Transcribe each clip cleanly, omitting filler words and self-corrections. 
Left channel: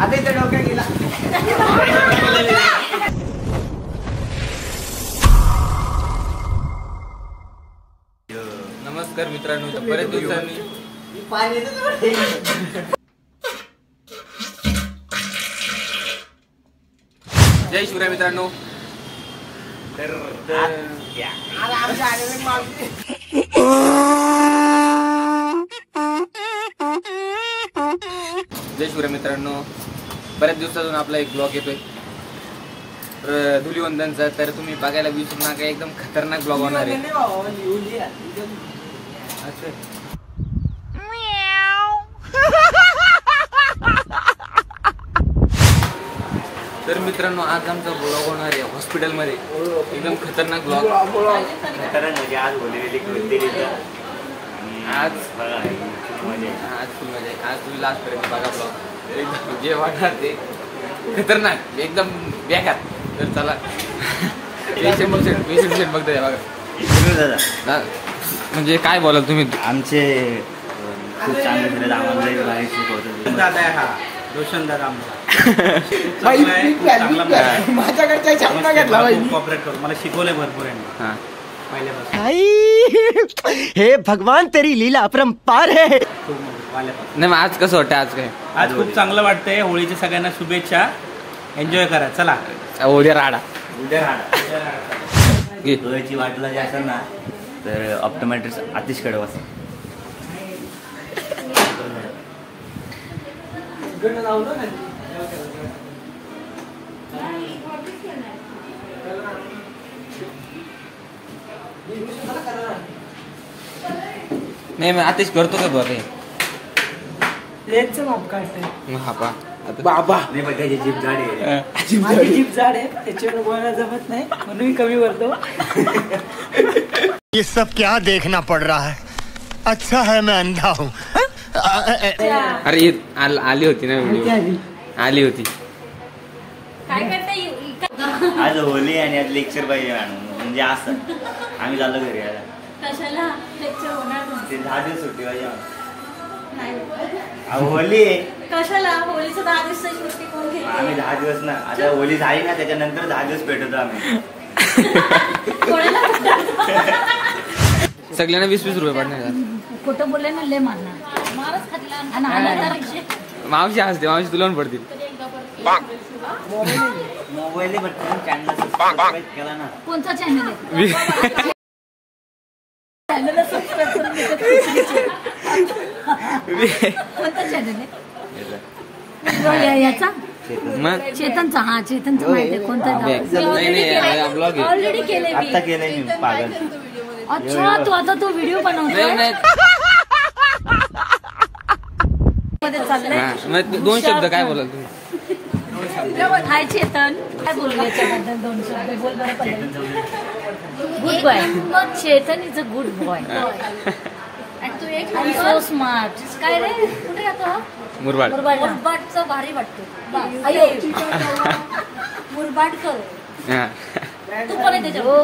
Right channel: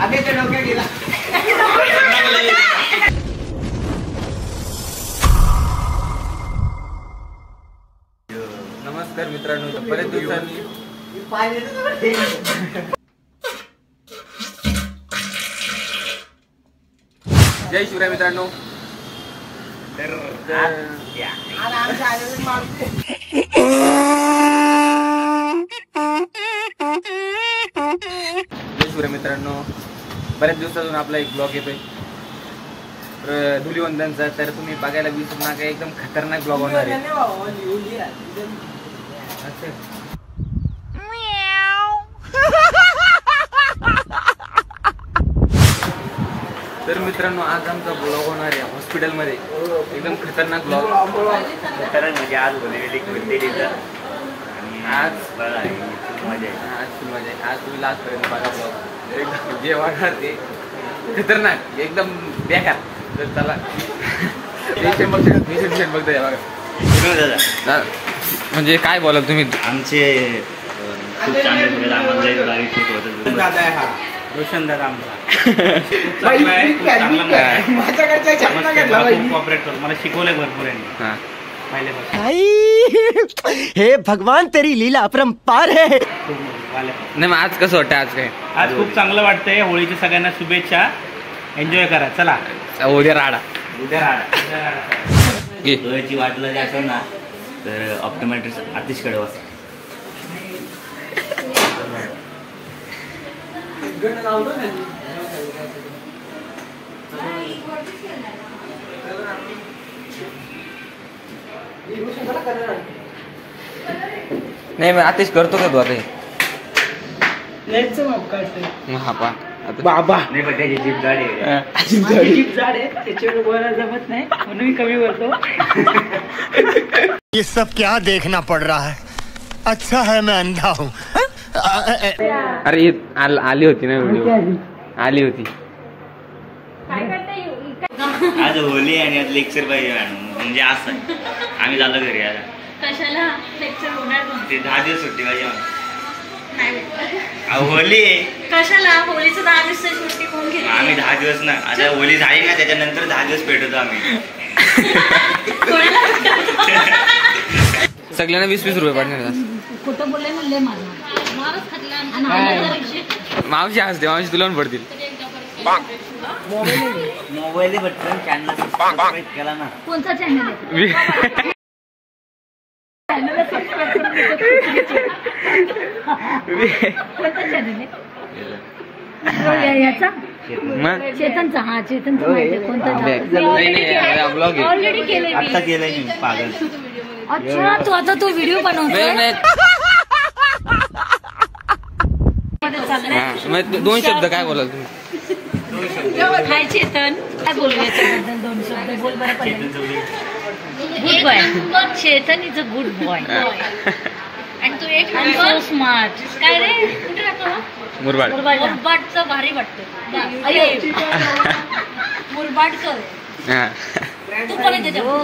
नमस्कार मित्रांनो, बरेच दिवसांनी जय शिवराय मित्रांनो. जय शिवराय मित्रांनो, बऱ्याच दिवसातून आपला एक ब्लॉग येतोय धुलीवंदनचा. तर तुम्ही बघायला विसरू नका, एकदम खतरनाक ब्लॉग होणार आहे. तर मित्रांनो, आज आमचा ब्लॉग होणार आहे हॉस्पिटलमध्ये, एकदम खतरनाक ब्लॉग. खतरनाक म्हणजे आज आज तुम्ही लास्ट पर्यंत बघा ब्लॉग, एकदम जे वाटणार ते खतरनाक, एकदम बेकार. तर चला पेशंट बघताय बघा. म्हणजे काय बोला तुम्ही, आमचे खूप चांगले दादा आहे हा रोशन दादा आमचा. कॉपरेट करतो, मला शिकवलंय भरपूर यांनी पहिल्यापासून. हे भगवान तेरी लीला अपरंपार है. नाही मग आज कसं वाटतं? आज काय? आज खूप चांगलं वाटतंय. होळीच्या सगळ्यांना शुभेच्छा. एन्जॉय करा. चला उद्या राडा. होळीची वाटलं जे असेल ना तर ऑप्टोमॅट्रिक्स आतिशकडे वाचा. नाही मग आतिश करतो का तू आता? हा पा बाबा नाही पण त्याची जीप जाड आहे. जीप जाड आहे, त्याच्यावर बोलायला जमत नाही म्हणून मी कमी बोलतो. ये सब क्या देखना पड़ रहा है? अच्छा है मैं अंधा हूँ. अरे आली होती ना व्हिडिओ, आली होती. आज होली आणि आज लेक्चर पाहिजे मॅडम. म्हणजे असं आम्ही झालो घरी आता. कशाला लेक्चर होणार? ते 10 दिवस सुट्टी पाहिजे मला. होली कशाला? होलीचं 10 दिवस सुट्टी कोण घेते? आम्ही 10 दिवस ना, आता होली झाली ना त्याच्यानंतर 10 दिवस भेटतो आम्ही. सगळ्यांना 20-20 रुपये पडणार. खोटं बोलले ना, लय मारणार. मारच खातला. मावशी असते, मावशी तुला पण पडतील. मोबाईल बटन चॅनल सबस्क्राइब केला ना. कोणता चॅनल आहे? कोणता चॅनल आहे याचा? चेतनचा. हा चेतनचा कोणता? ऑलरेडी केलंय. आता केलंय मी पागल. अच्छा, तू आता तो व्हिडिओ बनवतोय? 2 शब्द काय बोलाल तुम्ही? हाय चेतन, काय बोलू याच्याबद्दल? 2 शब्द बोल बरं. पडलं good boy. Chetan is a good boy. आणि तू एक सो स्मार्ट. काय रे, कुठे राहतो? मुरबाड. मुरबाडचं भारी वाटतं. मुरबाडकर तू पण आहे त्याच्यावर.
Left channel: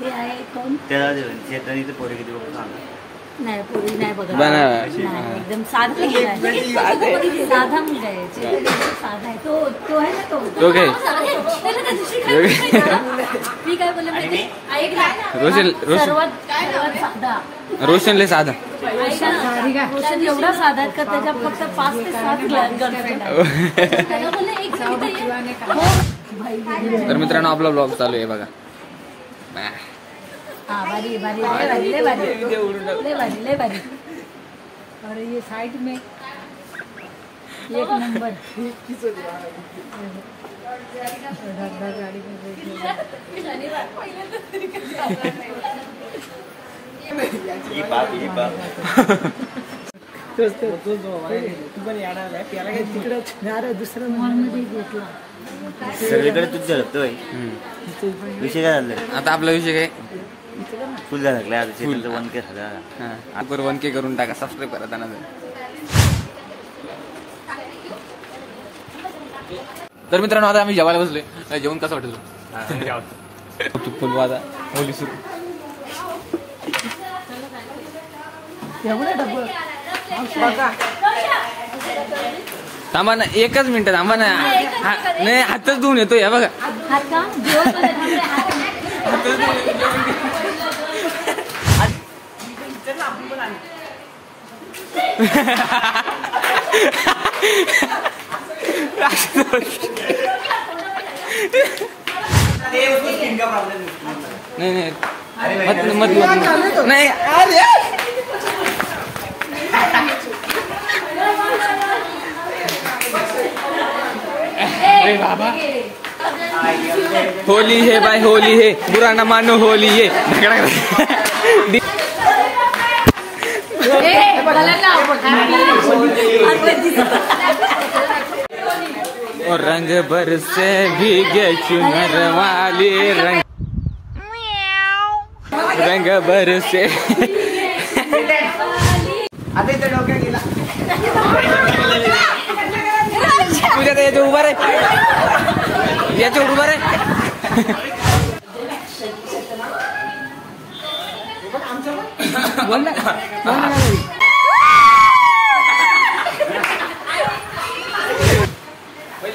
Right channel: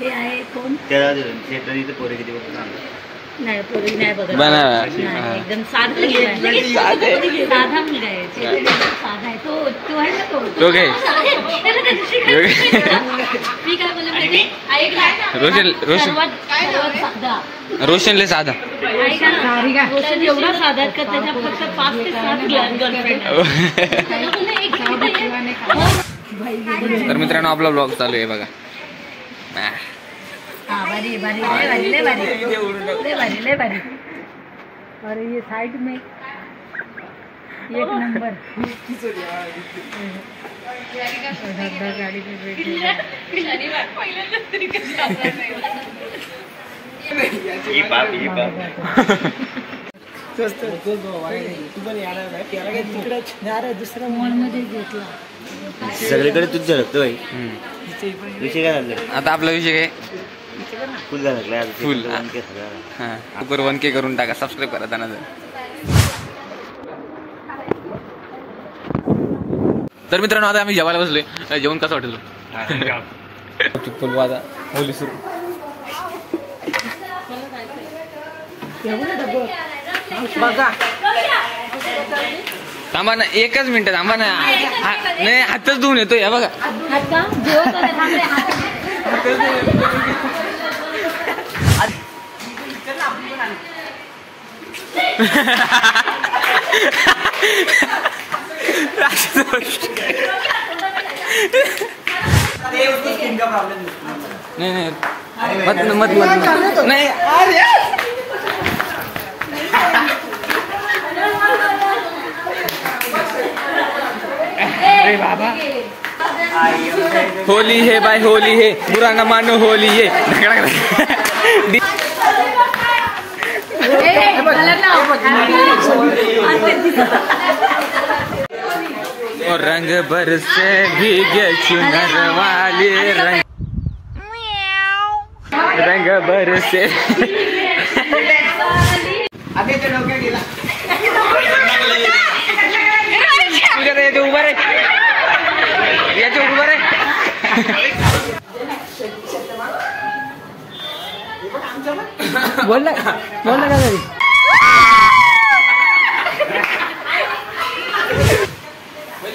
हे आहे कोण? त्याला चेतन पोरी किती बघतो नाही, पोरी नाही बघत. एकदम साधा मुलगा आहे. साधा आहे तो आहे ना. तो मी काय बोलले माहिती? रोशनले साधा. रोशन एवढा साधा आहे का त्याच्या फक्त 5 ते 7 गर्लफ्रेंड. तर मित्रांनो, आपला ब्लॉग चालू आहे बघा. भारी ले भारी. और ये साइड में एक नंबर. दुसऱ्या मॉल मध्ये घेतला. सगळीकडे तूच झळकतोय. विषय काय झालाय आता? आपला विषय काय? फुल झालं. फुल 1K करून टाका. सबस्क्राईब करा त्यांना. तर मित्रांनो, आता आम्ही जेवायला बसलोय. जेवण कसं वाटेल? फुलवादा होली सुरू. थांबा ना, एकच मिनिट थांबा ना. नाही, हातच धुवून येतो या बघा. नाही मत नाही. अरे बाबा, होली है भाई, होली है, बुरा न मानो, होली है. और रंग बरसे भीगे चुनर वाले रंग बरसे. तुझ्या याच्या उभा रे, याच्या उभा रे. बोल ना.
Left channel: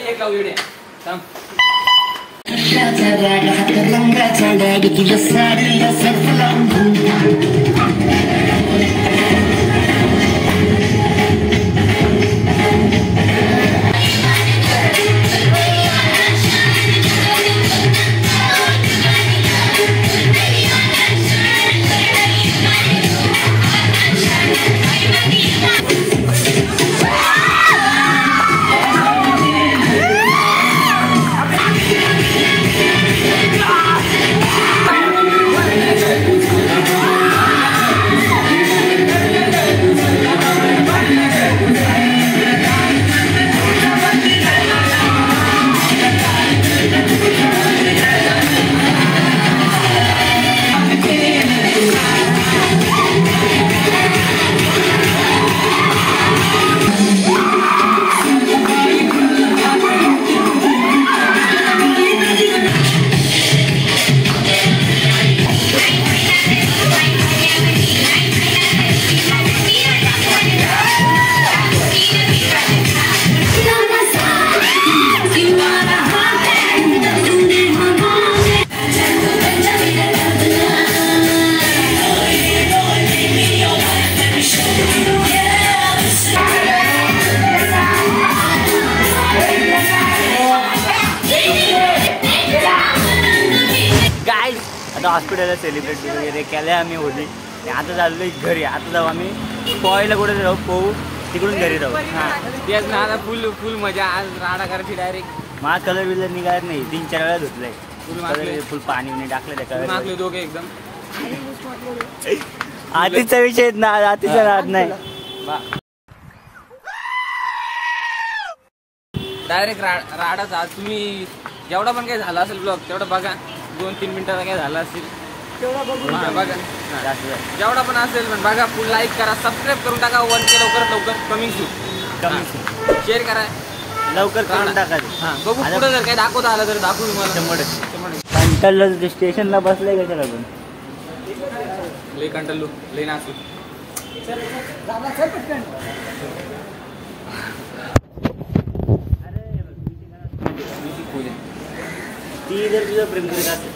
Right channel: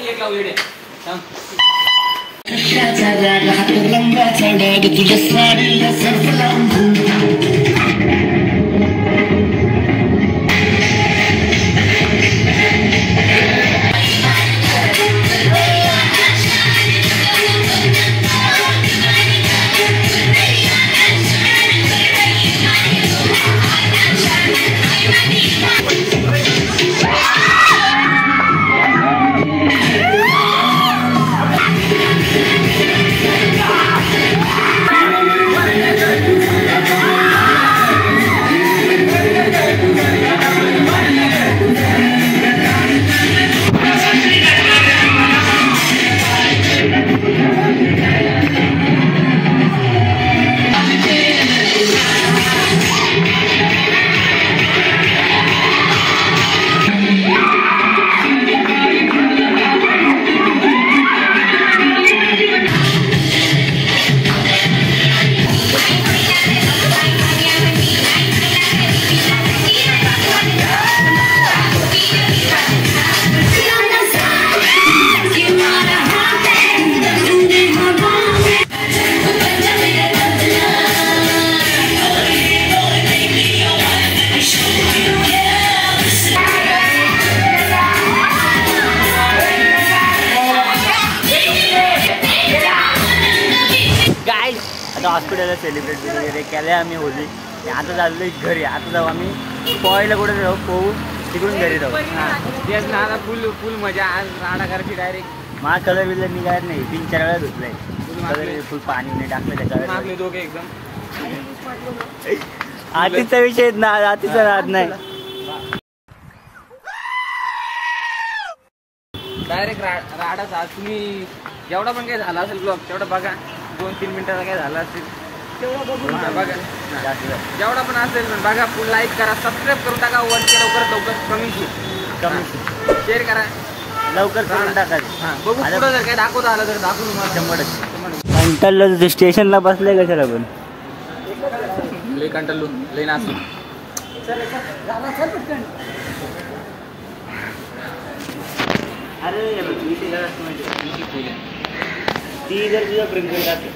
एक लावू इकडे. सांग. आता हॉस्पिटलला सेलिब्रेट वगैरे केलं आम्ही होली. आता चाललो घरी. आता जाऊ आम्ही पोहायला, कुठे जाऊ पोहू, तिकडून घरी जाऊ. तेच ना, आता फुल मजा. आज राडा करायची डायरेक्ट. मला कलर बिलर निघाला नाही, 3-4 वेळा धुतलाय कलर. फुल पाणी नाही टाकलं त्या कलर. दोघे एकदम आतीचा विषय ना, आतीचा राहत नाही. डायरेक्ट राडाच. आज तुम्ही जेवढा पण काही झाला असेल ब्लॉग तेवढा बघा. 2-3 मिनिटाचा काय झाला असेल बघा. जेवढा पण असेल पण बघा. फुल लाईक करा, सबस्क्राईब करून टाका. 1K लवकरात लवकर कमी शेअर करा, लवकर करून टाका. बघू पुढं जर काय दाखवता आलं तर दाखवू तुम्हाला. 100%. कंटाळलं स्टेशनला बसलंय कशाला पण. लई कंटाळलो, लई नाचलो. अरे ती जर तुझा प्रेम करीत असेल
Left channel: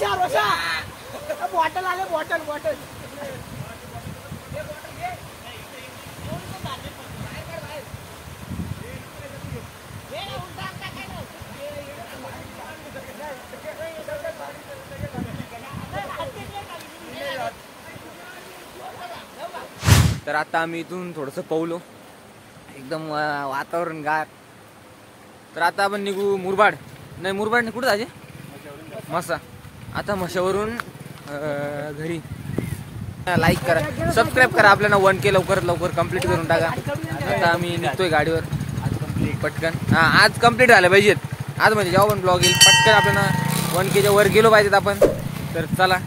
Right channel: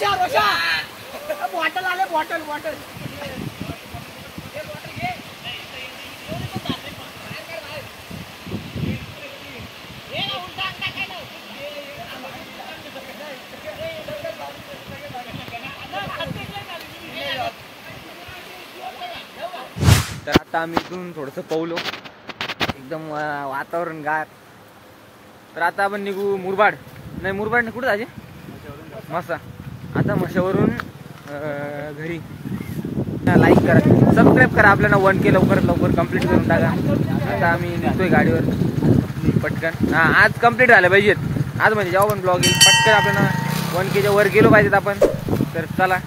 थोडासा बॉटल आले, बॉटल तर आता आम्ही इथून थोडंसं पवलो. एकदम वातावरण गार. तर आता आपण निघू मुरबाड नाही कुठं जायचे मसा. आता मशावरून घरी. लाईक करा सबस्क्राईब करा आपल्याला 1K लवकरात लवकर कंप्लीट करून टाका. आता आम्ही निघतोय गाडीवर पटकन. आज कंप्लीट झालं पाहिजेत आज म्हणजे जेव्हा पण ब्लॉग येईल पटकन आपल्याला 1Kच्या वर गेलो पाहिजेत आपण. तर चला